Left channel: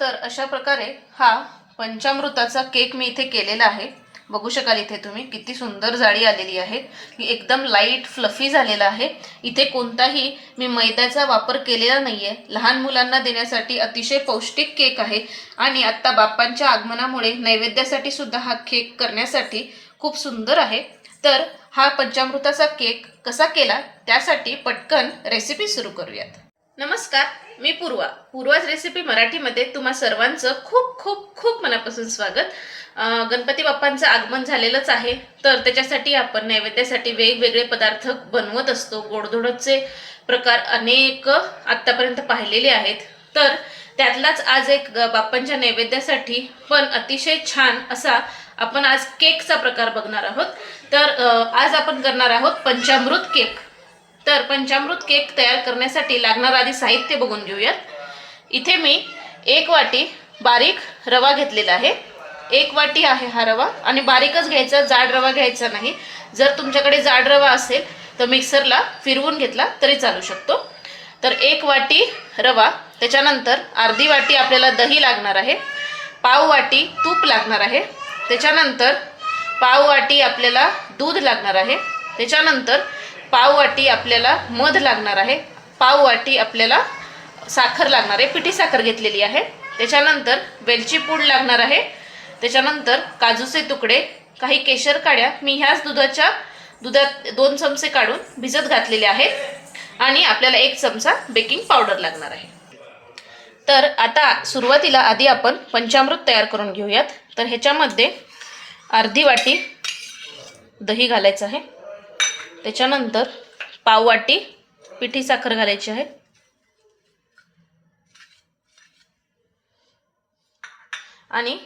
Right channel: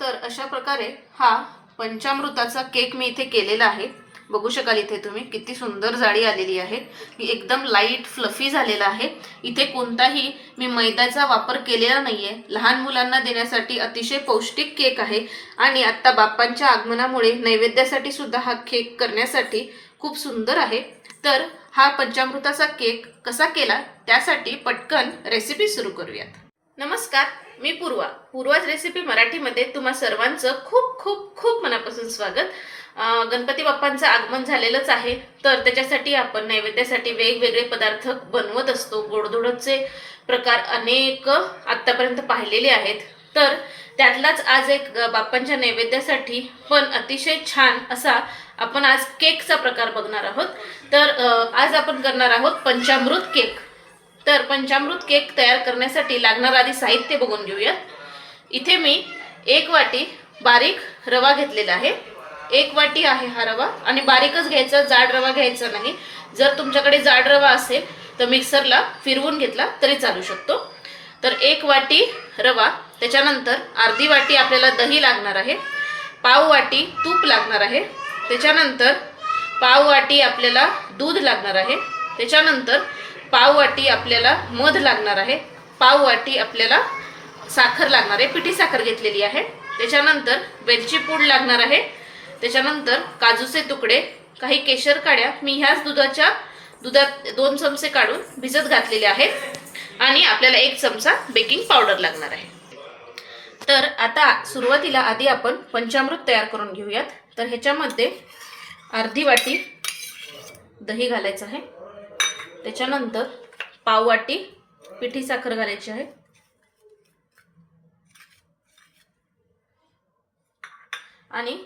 तर अशा प्रकारे हा पंचामृताचा केक मी इथे केलेला आहे. बघू शकाल इथे तुम्ही किती सुंदर जाळी आलेली आहे. मी एकदम लाइट फ्लफी झालेला आहे. इथे कोणताही मी मैद्याचा वापर केलेला नाही आहे लहान मुलांना देण्यासाठी अतिशय पौष्टिक केक आहे आणि आत्ता बाप्पांच्या आगमनामुळे नैवेद्यासाठी सुद्धा हा केक करण्यासाठी खूप सुंदर आहे. तर हा पंचामृताचा केक कसा केला? त्यासाठी पटकन रेसिपी सुरू करूयात. नमस्कार मी पूर्वा. पूर्वाज रेसिपी मराठीमध्ये तुम्हा सर्वांचं खूप खूप खूप मनापासून स्वागत. गणपती बाप्पांचं आगमन झालेलंच आहे तर त्याच्यासाठी आपण नैवेद्यासाठी वेगवेगळे पदार्थ बनवत असतो. गोडधोडचे प्रकार अनेक आत्तापर्यंत पाहिलेले आहेत. तर त्यातलाच आज एक बाप्पांच्या नैवेद्यासाठी पण अतिशय छान असा आपण आज केकचा प्रकार बघणार आहोत. तर आज आपण करणार आहोत पंचामृत केक. तर पंचामृत केक तयार करण्यासाठी लागणारं आधी साहित्य बघून घेऊयात. इथे मी एक वाटी बारीक रवा घेतलेला आहे. एक वाटी आहे हा रवा आणि बारीकच घ्यायचा जाड रवा घ्यायचा नाही. जर तुमच्याकडे जाड रवा असेल तर मिक्सरला फिरवून घेतला तरी चालू शकतो. तर एक वाटी रवा त्याच्यानंतर अर्धी वाटी आपल्याला दही लागणार आहे. पाव वाटी तूप लागणार आहे. त्याच्यानंतर पाव वाटी आपल्याला दूध लागणार आहे. त्याच्यानंतर पाववाटी आपल्याला मध लागणार आहे. पाव वाटी आपल्याला साखर लागणार आहे. पिठी साखर घेतलेली आहे. त्याच्यानंतर वेलची पूड लागणार आहे. त्याच्यानंतर काजूचे तुकडे काही केशर काड्या. मी ह्याच दुधाच्या दुधात दोन चमचे काढून भिजत घातलेले आहेत. आणि आपल्याला एक चमचा बेकिंग पावडर लागणार आहे. तर आता सुरुवातीला आधी आपण पंचामृत तयार करून घेऊयात. तर ह्याच्यामध्ये अर्धी वाटी दही घालायचं आहे. त्याच्यानंतर पाव वाटी पिठी साखर घालायची आहे. आणि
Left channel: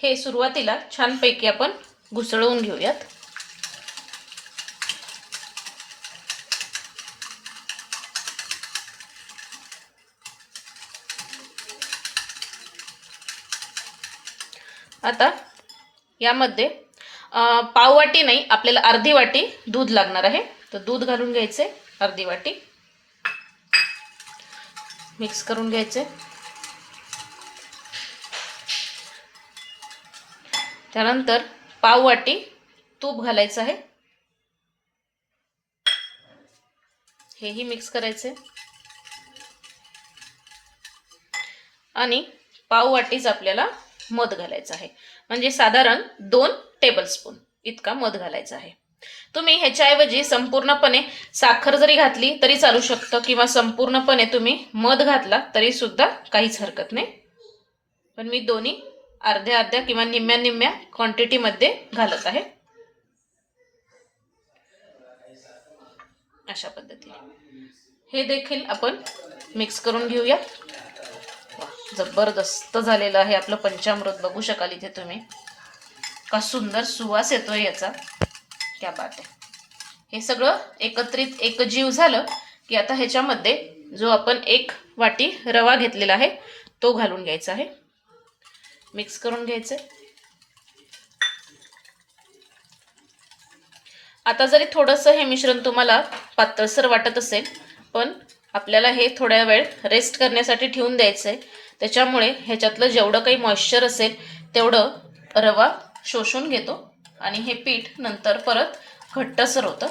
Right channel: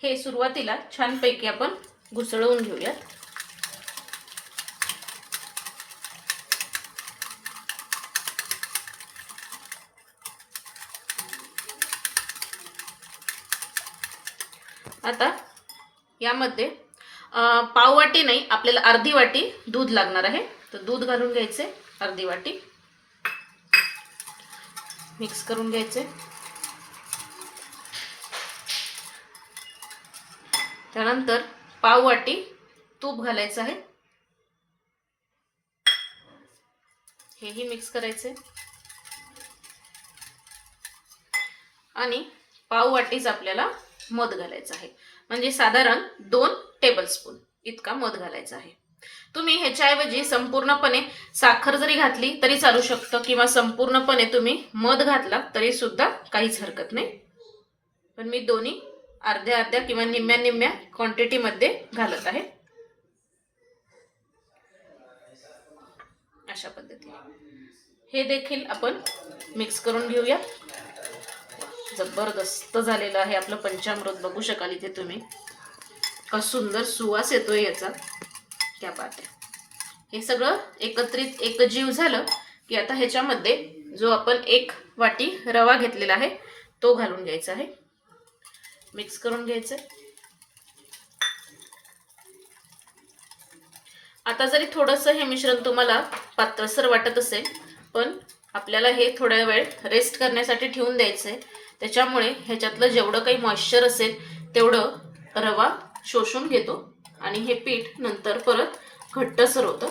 हे सुरुवातीला छानपैकी आपण घुसळवून घेऊयात. आता यामध्ये पाववाटी नाही आपल्याला अर्धी वाटी दूध लागणार आहे. तर दूध घालून घ्यायचे अर्धी वाटी. मिक्स करून घ्यायचे. त्यानंतर पाव वाटी तूप घालायचं आहे. हेही मिक्स करायचे. आणि पाव वाटीच आपल्याला मध घालायचं आहे. म्हणजे साधारण दोन टेबलस्पून इतका मध घालायचा आहे. तुम्ही ह्याच्याऐवजी संपूर्णपणे साखर जरी घातली तरी चालू शकतं किंवा संपूर्णपणे तुम्ही मध घातला तरी सुद्धा काहीच हरकत नाही. पण मी दोन्ही अर्ध्या अर्ध्या किंवा निम्म्या निम्म्या क्वांटिटीमध्ये घालत आहे. अशा पद्धतीने. हे देखील आपण मिक्स करून घेऊया. जबरदस्त झालेलं आहे आपलं पंचामृत. बघू शकाल इथे तुम्ही. का सुंदर सुवास येतोय याचा. क्या बात हे. सगळं एकत्रित एकजीव झालं की आता ह्याच्यामध्ये जो आपण एक वाटी रवा घेतलेला आहे तो घालून घ्यायचा आहे. मिक्स करून घ्यायचं आता जरी थोडंसं हे मिश्रण तुम्हाला पातळसर वाटत असेल पण आपल्याला हे थोड्या वेळ रेस्ट करण्यासाठी ठेवून द्यायचं आहे त्याच्यामुळे ह्याच्यातलं जेवढं काही मॉइश्चर असेल तेवढं रवा शोषून घेतो. आणि हे पीठ नंतर परत घट्टसर होतं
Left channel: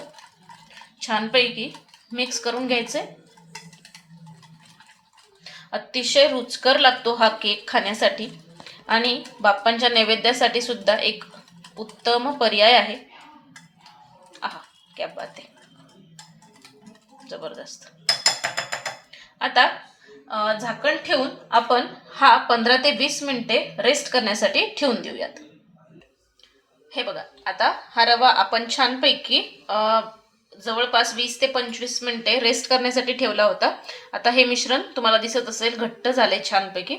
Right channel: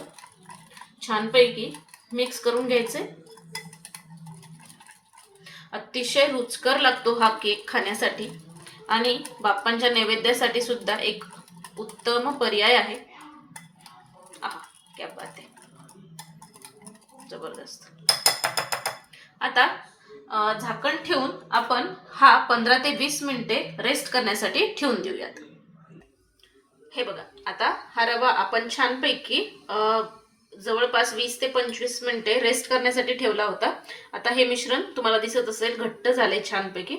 छानपैकी मिक्स करून घ्यायचे. अतिशय रुचकर लागतो हा केक खाण्यासाठी. आणि बाप्पांच्या नैवेद्यासाठी सुद्धा एक उत्तम पर्याय आहे. आहा क्या बात आहे. जबरदस्त. आता झाकण ठेवून आपण हा पंधरा ते वीस मिनिटे रेस्ट करण्यासाठी ठेवून देऊयात. हे बघा आता हा रवा आपण छानपैकी जवळपास वीस ते पंचवीस मिनिटे रेस्ट करण्यासाठी ठेवला होता. आता हे मिश्रण तुम्हाला दिसत असेल घट्ट झाले छानपैकी.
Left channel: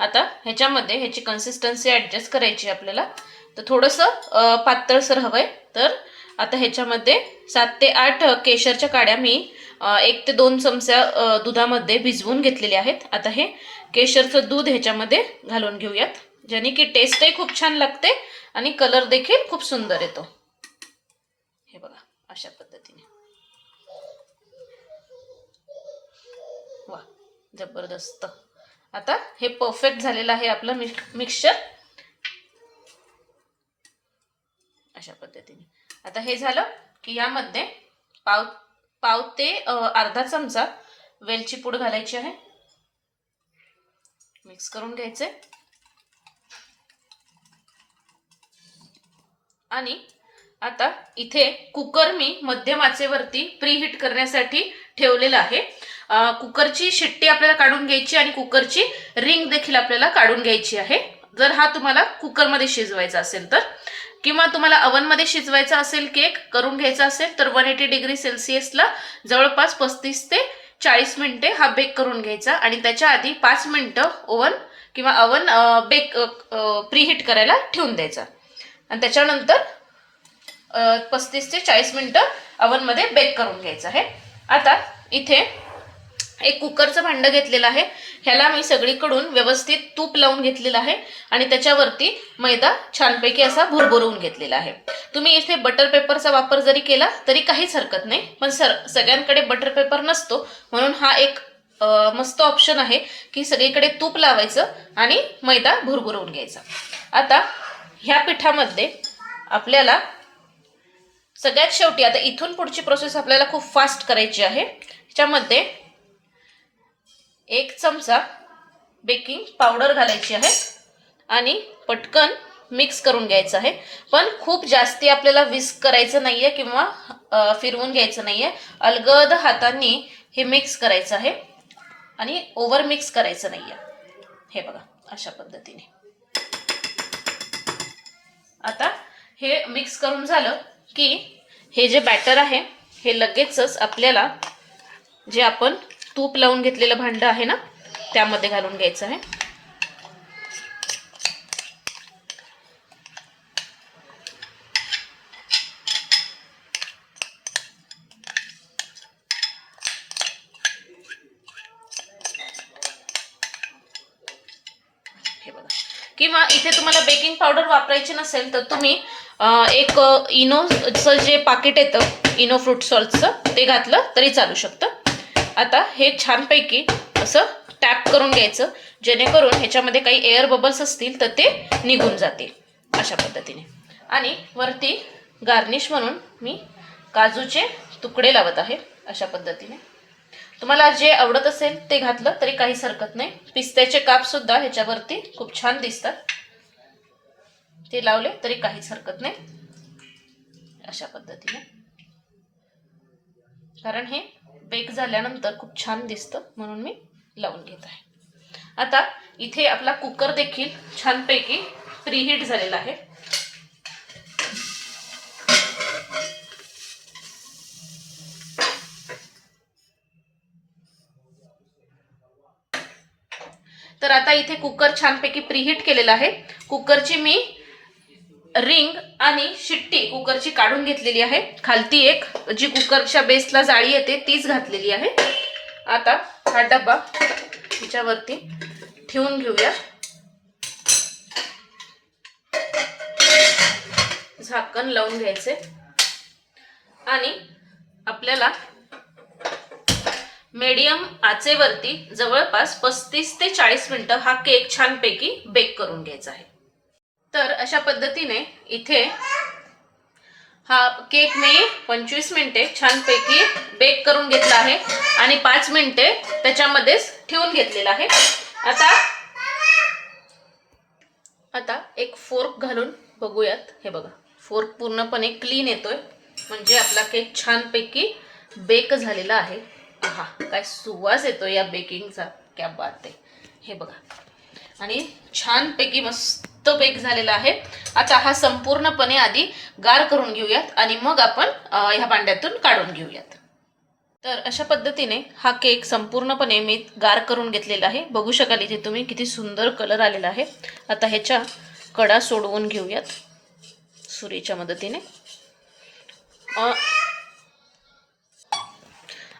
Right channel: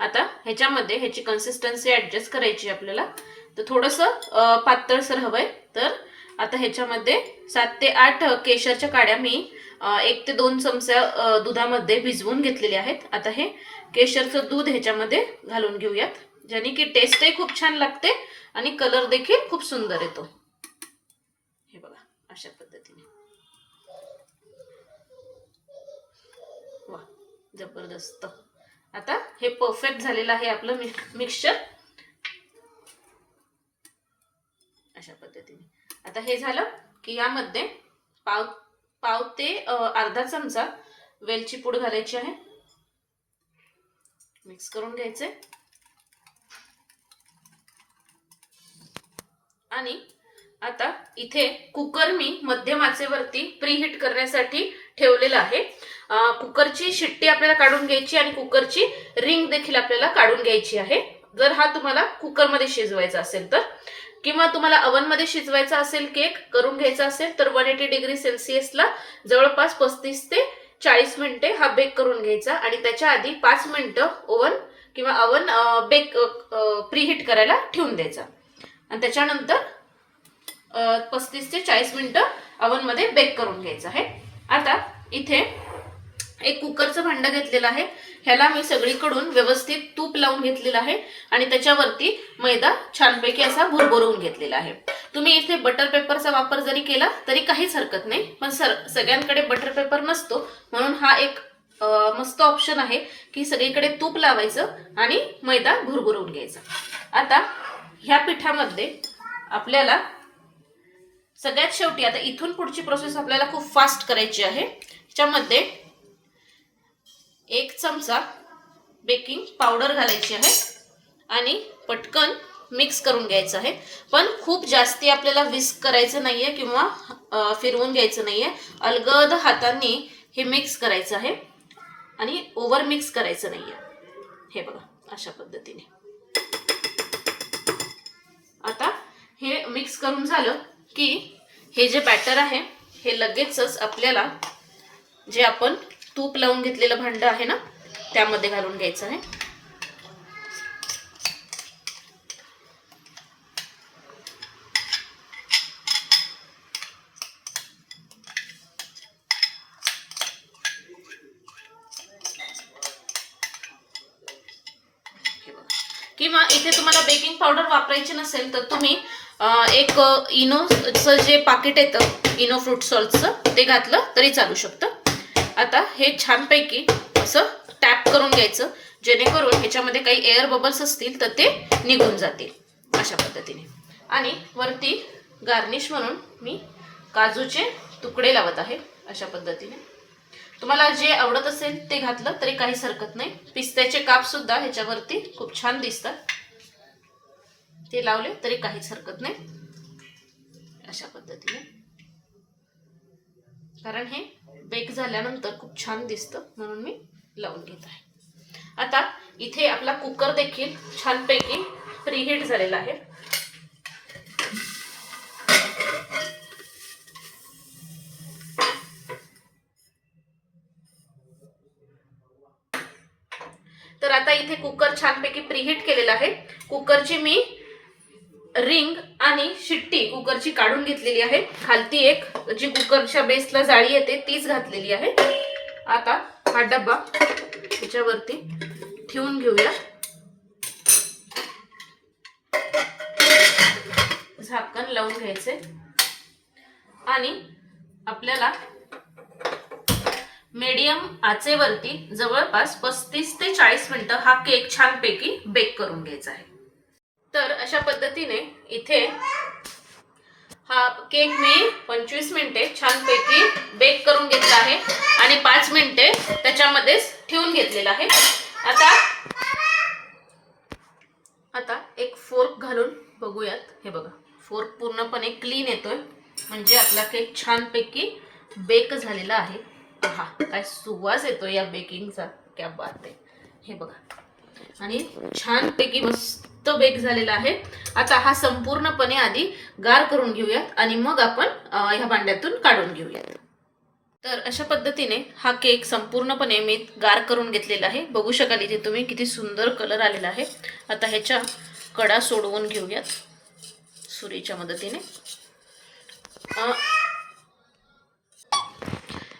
आता ह्याच्यामध्ये ह्याची कन्सिस्टन्सी ॲडजस्ट करायची आपल्याला. तर थोडंसं अं, पातळसर हवंय. तर आता ह्याच्यामध्ये सात ते आठ केशरच्या काड्या मी एक ते दोन चमच्या दुधामध्ये भिजवून घेतलेले आहेत. आता हे केशरचं दूध ह्याच्यामध्ये घालून घेऊयात. ज्याने की टेस्टही खूप छान लागते आणि कलर देखील खूप सुंदर येतो. हे बघा अशा पद्धतीने. वा जबरदस्त. आता हे परफेक्ट झालेलं आहे आपलं मिक्सचर अशा पद्धतीने. आता हे झालं की यामध्ये पाव पाव ते अर्धा चमचा वेलची पूड घालायची आहे. मिक्स करून घ्यायचे. आणि आता इथे कुकर मी मध्यम आचेवरती प्रीहीट करण्यासाठी ठेवलेलं आहे. कुकरची शिट्टी आपल्याला काढून घ्यायची आणि कुकरची रिंग देखील आपल्याला काढून घ्यायची आहे. जर हा तुम्हाला कुकरमध्ये शिजवायचा असेल तर किंवा तुम्हाला अवनमध्ये शिजवायचा असेल केक करून घ्यायचा असेल तर वन एटी डिग्री सेल्सिअसला जवळपास पस्तीस ते चाळीस मिनिटे हा बेक करून घ्यायचा आणि त्याच्या आधी पाच मिनिटं ओव्हन किंवा अवन बेक प्रीहीट करायला ठेवून द्यायचा. आणि त्याच्यानंतर पस्तीस ते चाळीस मिनिटं अवनमध्ये बेक करून घ्यायचं आहे. आता इथे एक कुकरचं भांडं घेतलेलं आहे. ह्याला मी सगळीकडून व्यवस्थित तूप लावून घेतलेलं आहे आणि त्याच्यावरती मैदा छानपैकी असा भरभरवून घेतलेला आहे. तुम्ही इथे बटर पेपरचा वापर जरी केला तरी काहीच हरकत नाही. पण सर सगळ्यांकडे बटर पेपर नसतो. म्हणून हा एक मस्त ऑप्शन आहे की सगळीकडे तूप लावायचं आणि मैदा भुरभुरवून घ्यायचा. आता ह्या पिठामध्ये आपल्याला सगळ्यात शेवटी आता इथून पुढची प्रोसेस आपल्याला खूप फास्ट करायची आहे. ह्याच्यामध्ये एक चमचा बेकिंग पावडर घालायची आहे आणि पटकन मिक्स करून घ्यायचं आहे. पण खूप जास्ती आपल्याला विस्क करायचं नाही आहे किंवा फिरवून घ्यायचं नाही आहे अलगद हातांनी हे मिक्स करायचं आहे आणि ओव्हर मिक्स करायचं नाही आहे हे बघा अशा पद्धतीने. आता हे मिक्स करून झालं की हे जे बॅटर आहे हे लगेचच आपल्याला जे आपण तूप लावून घेतलेलं भांडं आहे ना त्यामध्ये घालून घ्यायचं आहे हे बघा किंवा इथे तुम्हाला बेकिंग पावडर वापरायची नसेल तर तुम्ही एक इनोचं जे पाकिट येतं इनो फ्रूट सॉल्टचं ते घातलं तरी चालू शकतं. आता हे छानपैकी असं टॅप करून घ्यायचं जेणेकरून ह्याच्यामध्ये काही एअर बबल्स असतील तर ते निघून जातील अशा पद्धतीने. आणि वरती गार्निश म्हणून मी काजूचे तुकडे लावत आहे अशा पद्धतीने. तुम्हाला जे आवडत असेल ते घातलं तरी काहीच हरकत नाही. पिस्त्याचे काप सुद्धा ह्याच्यावरती खूप छान दिसतात. ते लावले तरी काहीच हरकत नाही. अशा पद्धतीने. कारण हे बेक झाल्यानंतर खूप छान दिसतं म्हणून मी लावून घेत आहे. आता इथे आपला कुकर देखील छानपैकी प्रीहीट झालेला आहे तर आता इथे कुकर छानपैकी प्रीहीट केलेला आहे. कुकरची मी रिंग आणि शिट्टी कुकरची काढून घेतलेली आहे. खालती एक जी कुकरच्या बेसला जाळी येते तीच घातलेली आहे. आता हा डबा त्याच्यावरती ठेवून घेऊया. झाकण लावून घ्यायचे. आणि आपल्याला मीडियम आचेवरती जवळपास पस्तीस ते चाळीस मिनिटं हा केक छानपैकी बेक करून घ्यायचा आहे. तर अशा पद्धतीने इथे हा केक मी पंचवीस मिनिटे छानपैकी बेक करून घेतला आहे आणि पाच मिनिटे त्याच्यामध्येच ठेवून घेतलेला आहे. आता आता एक फोर्क घालून बघूयात. हे बघा फोर्क पूर्णपणे क्लीन येतोय. म्हणजे आपला केक छानपैकी बेक झालेला आहे. हा काय सुवास येतो या बेकिंगचा क्या बात आहे. हे बघा. आणि छानपैकी मस्त बेक झालेला आहे. आता हा संपूर्णपणे आधी गार करून घेऊयात आणि मग आपण ह्या भांड्यातून काढून घेऊयात. तर अशा पद्धतीने हा केक संपूर्णपणे मी गार करून घेतलेला आहे. बघू शकाल इथे तुम्ही किती सुंदर कलर आलेला आहे. आता ह्याच्या कडा सोडवून घेऊयात. सुरीच्या मदतीने.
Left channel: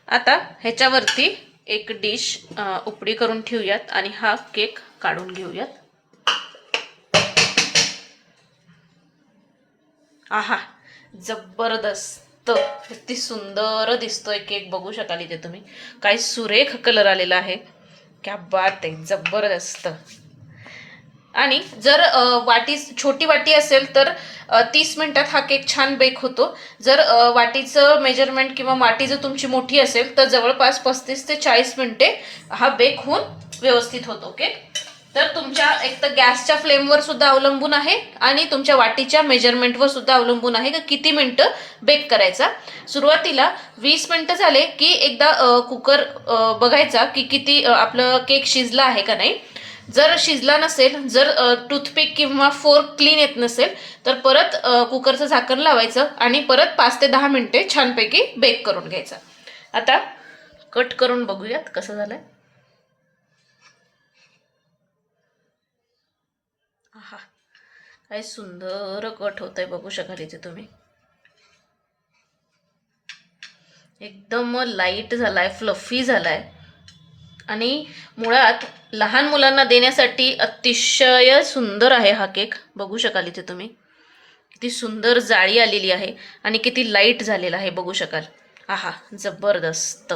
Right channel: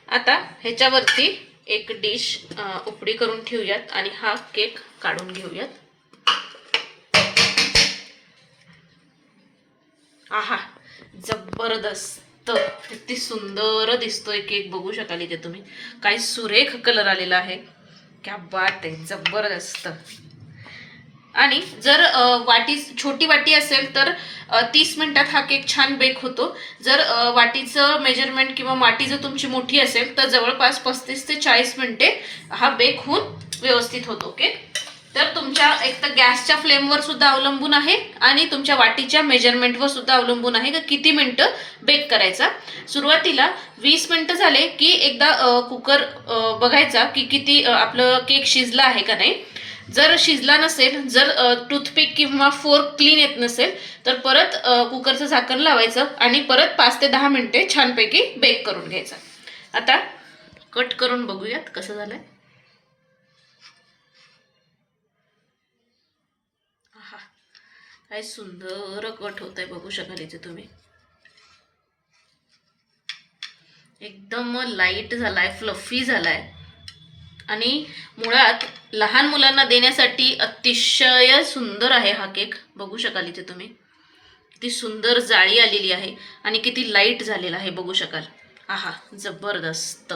आता ह्याच्यावरती एक डिश उपडी करून ठेवूयात आणि हा केक काढून घेऊयात. आहा जबरदस्त. किती सुंदर दिसतोय केक बघू शकाल इथे तुम्ही. काय सुरेख कलर आलेला आहे. क्या बात आहे जबरदस्त. आणि जर वाटी छोटी वाटी असेल तर तीस मिनिटात हा केक छान बेक होतो. जर वाटीचं मेजरमेंट किंवा वाटी जर तुमची मोठी असेल तर जवळपास पस्तीस ते चाळीस मिनिटे हा बेक होऊन व्यवस्थित होतो ओके? तर तुमच्या एक तर गॅसच्या फ्लेमवर सुद्धा अवलंबून आहे आणि तुमच्या वाटीच्या मेजरमेंटवर सुद्धा अवलंबून आहे की किती मिनटं बेक करायचा. सुरुवातीला वीस मिनटं झाले की एकदा कुकर बघायचा की किती आपलं केक शिजला आहे का नाही. जर शिजला नसेल जर टूथपिक किंवा फोर्क क्लीन येत नसेल तर परत कुकरचं झाकण लावायचं आणि परत पाच ते दहा मिनिटे छानपैकी बेक करून घ्यायचा. आता कट करून बघूयात कसं झालंय. काय सुंदर कट होत आहे बघू शकाल इथे तुम्ही. एकदम लाइट झालाय फ्लफी झालाय. आणि मुळात लहान मुलांना देण्यासाठी अतिशय सुंदर आहे हा केक. बघू शकाल इथे तुम्ही. किती सुंदर जाळी आलेली आहे आणि किती लाइट झालेला आहे बघू शकाल. आहा जबरदस्त.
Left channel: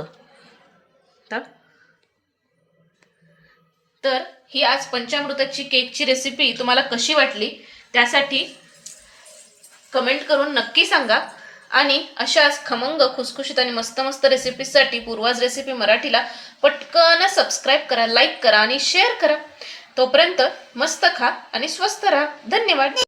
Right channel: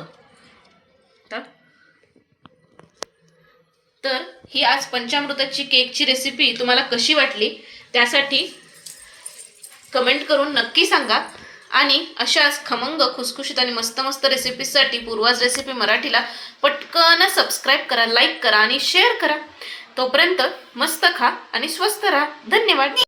तर ही आज पंचामृताची केकची रेसिपी तुम्हाला कशी वाटली त्यासाठी कमेंट करून नक्की सांगा. आणि अशाच खमंग खुसखुशीत आणि मस्त मस्त रेसिपीजसाठी पूर्वाज रेसिपी मराठीला पटकन सबस्क्राईब करा लाईक करा आणि शेअर करा. तोपर्यंत मस्त खा आणि स्वस्त राहा. धन्यवाद.